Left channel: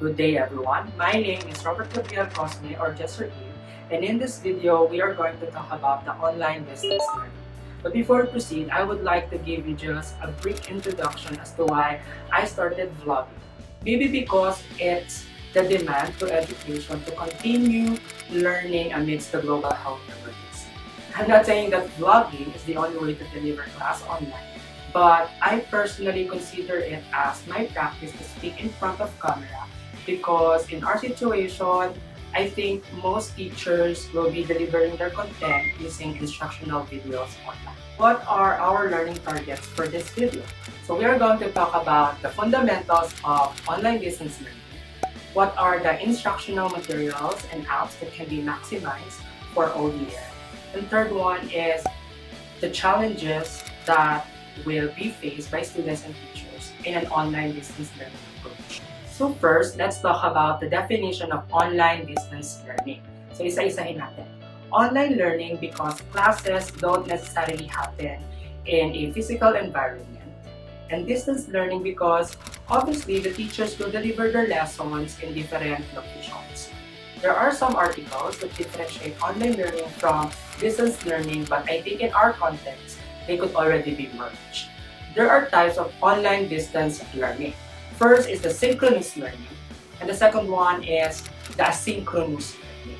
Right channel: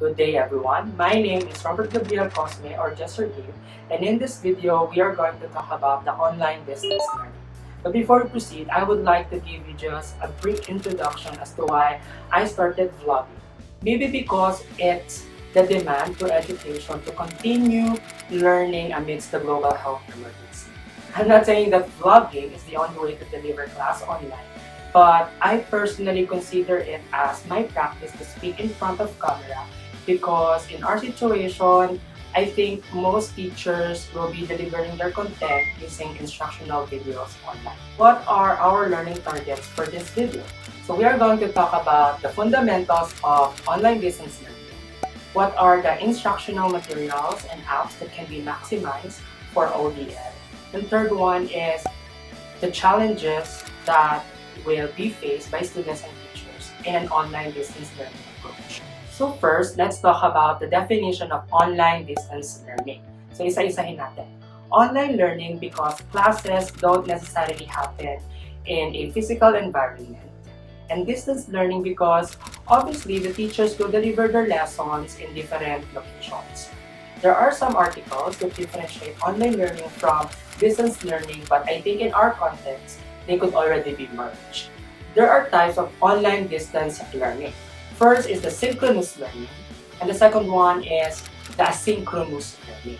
Good day everyone, my name is Robert Gabriel Cosme or just Sir Gabe, and in this video we are going to talk about the online distance learning. But before we proceed, I would like to give you just a brief introduction as to why I started vlogging. Maybe because it's the demand for education to continue learning amidst the global health emergency. I'm not saying that vlogging is the only way to deliver class online, but I personally consider it as my practice to speak in front of camera because in our situation, I think most teachers will be delivering their content using instructional videos online. What are our learning targets for this video? So we are going to talk about the fundamentals of online distance learning. What are the instructional materials and apps that can be maximized for ODL? The third one is the challenges that will be faced by students and teachers in an online distance learning approach. So first, let's talk about the definition of online distance learning. So isa-isahin natin. Online learning because classes don't necessarily happen in a physical environment. And distance learning because obviously the teachers will deliver their lessons in different locations. There are some articles that differentiate online learning from distance learning, but I think in our context, they could already be merged. There are types of online distance learning. First is the synchronous learning, and the second one is the asynchronous learning.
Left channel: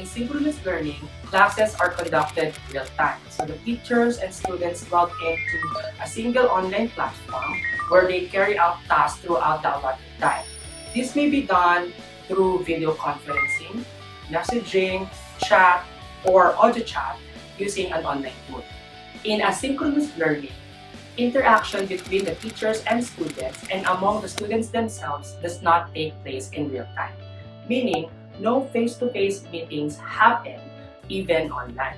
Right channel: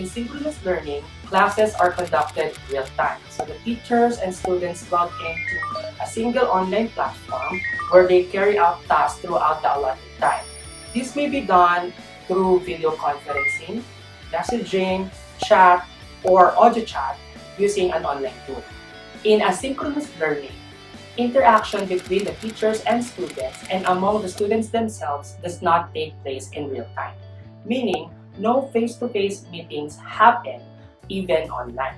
In synchronous learning, classes are conducted real time. So the teachers and students log into a single online platform where they carry out tasks throughout the allotted time. This may be done through video conferencing, messaging, chat, or audio chat using an online tool. In asynchronous learning, interaction between the teachers and students and among the students themselves does not take place in real time, meaning no face-to-face meetings happen even online.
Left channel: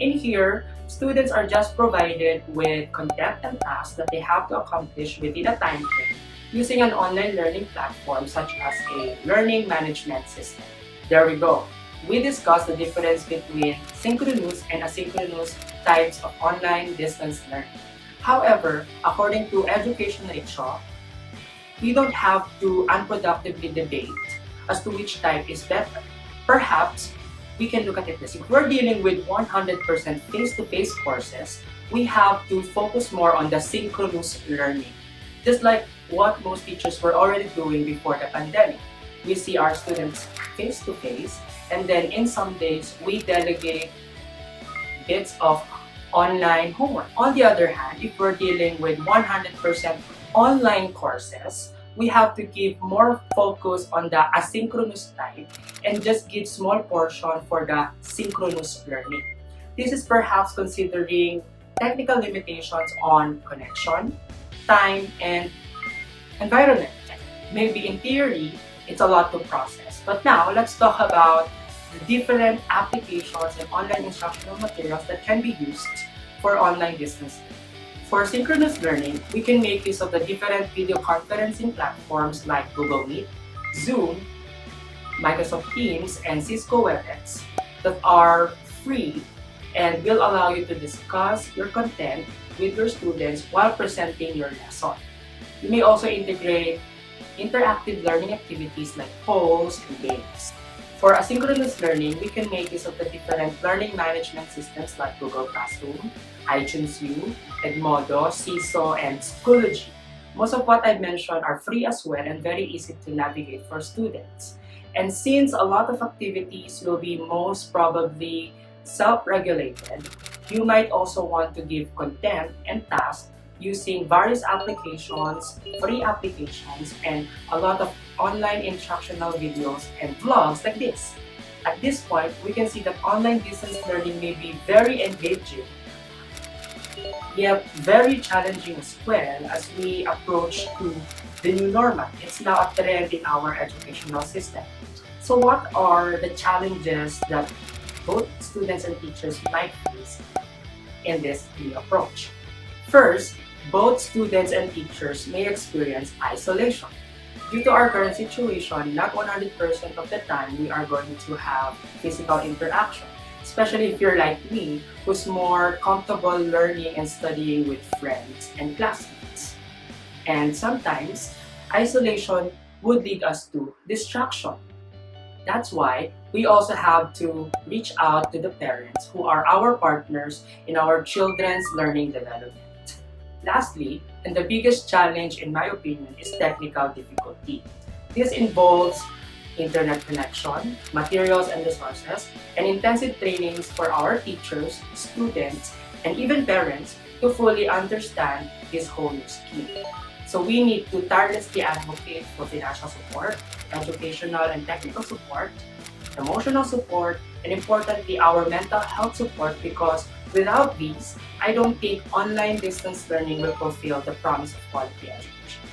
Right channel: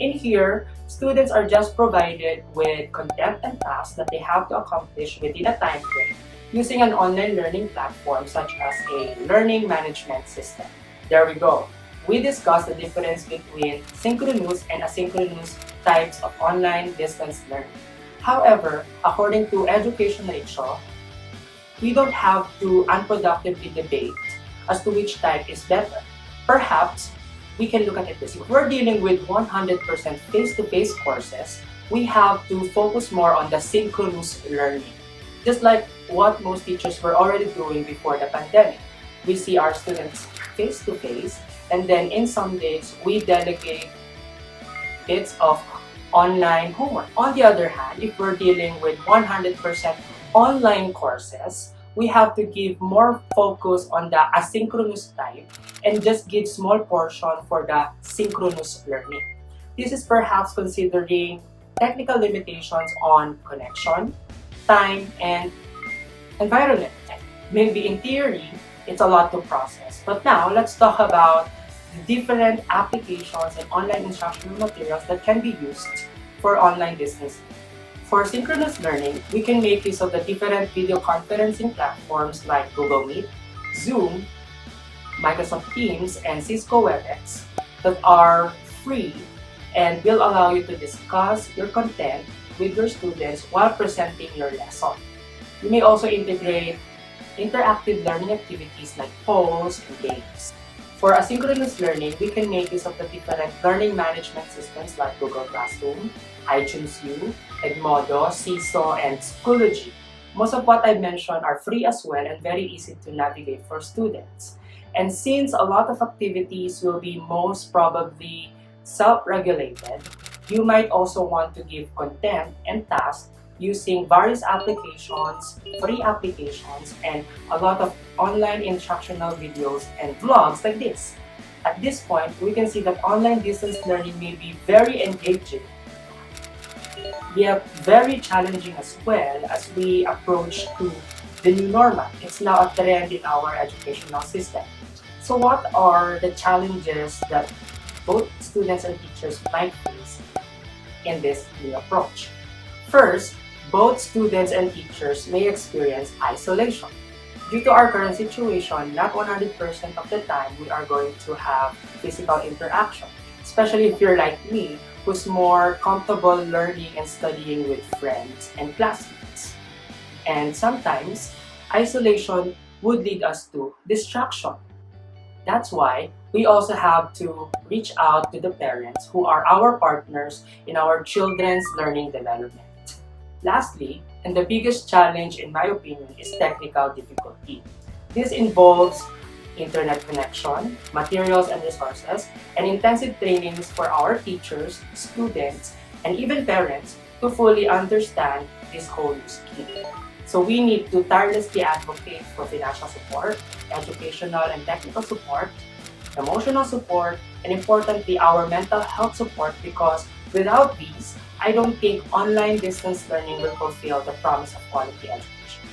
In here, students are just provided with content and tasks that they have to accomplish within a time frame using an online learning platform such as a learning management system. There we go. We discussed the difference between synchronous and asynchronous types of online distance learning. However, according to Education Ratio, we don't have to unproductively debate as to which type is better. Perhaps we can look at it this way. If we're dealing with 100% face-to-face courses, we have to focus more on the synchronous learning. Just like what most teachers were already doing before the pandemic. We see our students face-to-face, and then in some days, we delegate bits of online homework. On the other hand, if we're dealing with 100% online courses, we have to give more focus on the asynchronous type and just give small portion for the synchronous learning. This is perhaps considering technical limitations on connection, time, and environment. Maybe in theory, it's a lot to process. But now, let's talk about the different applications and online instructional materials that can be used for online distance. For synchronous learning, we can make use of the different video conferencing platforms like Google Meet, Zoom, Microsoft Teams, and Cisco WebEx that are free and will allow you to discuss your content with your students while presenting your lesson. You may also integrate interactive learning activities like polls and games. For asynchronous learning, we can make use of the different learning management systems like Google Classroom, iTunes U, Edmodo, CISO, and Schoology. Most of what I mentioned are free as well and very easy to navigate for students. And since a lot of activities will be most probably self-regulated, you might also want to give content and tasks using various applications, free applications, and a lot of online instructional videos and vlogs like this. At this point, we can see that online distance learning may be very engaging, yet very challenging as well as we approach to the new normal. It's now a trend in our educational system. So what are the challenges that both students and teachers might face in this new approach? First, both students and teachers may experience isolation. Due to our current situation, not 100% of the time we are going to have physical interaction, especially if you're like me, who's more comfortable learning and studying with friends and classmates. And sometimes, isolation would lead us to distraction. That's why we also have to reach out to the parents who are our partners in our children's learning development. Lastly, and the biggest challenge in my opinion is technical difficulty. This involves internet connection, materials and resources, and intensive trainings for our teachers, students, and even parents to fully understand this whole new scheme. So we need to tirelessly advocate for financial support, educational and technical support, emotional support, and importantly, our mental health support, because without these, I don't think online distance learning will fulfill the promise of quality education.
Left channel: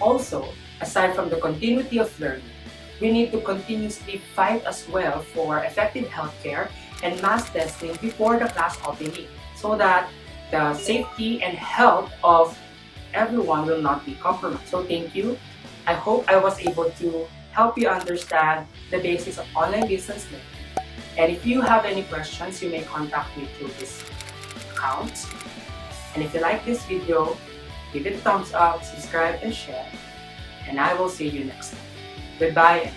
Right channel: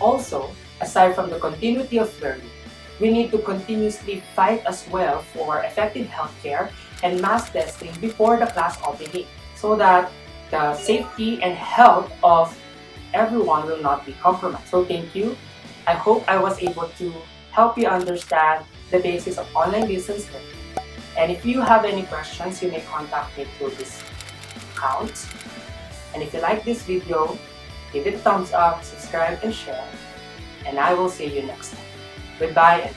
Also, aside from the continuity of learning, we need to continuously fight as well for effective healthcare and mass testing before the class opening so that the safety and health of everyone will not be compromised. So thank you. I hope I was able to help you understand the basis of online distance learning. And if you have any questions, you may contact me through this account. And if you like this video, give it a thumbs up, subscribe, and share. And I will see you next time. Goodbye and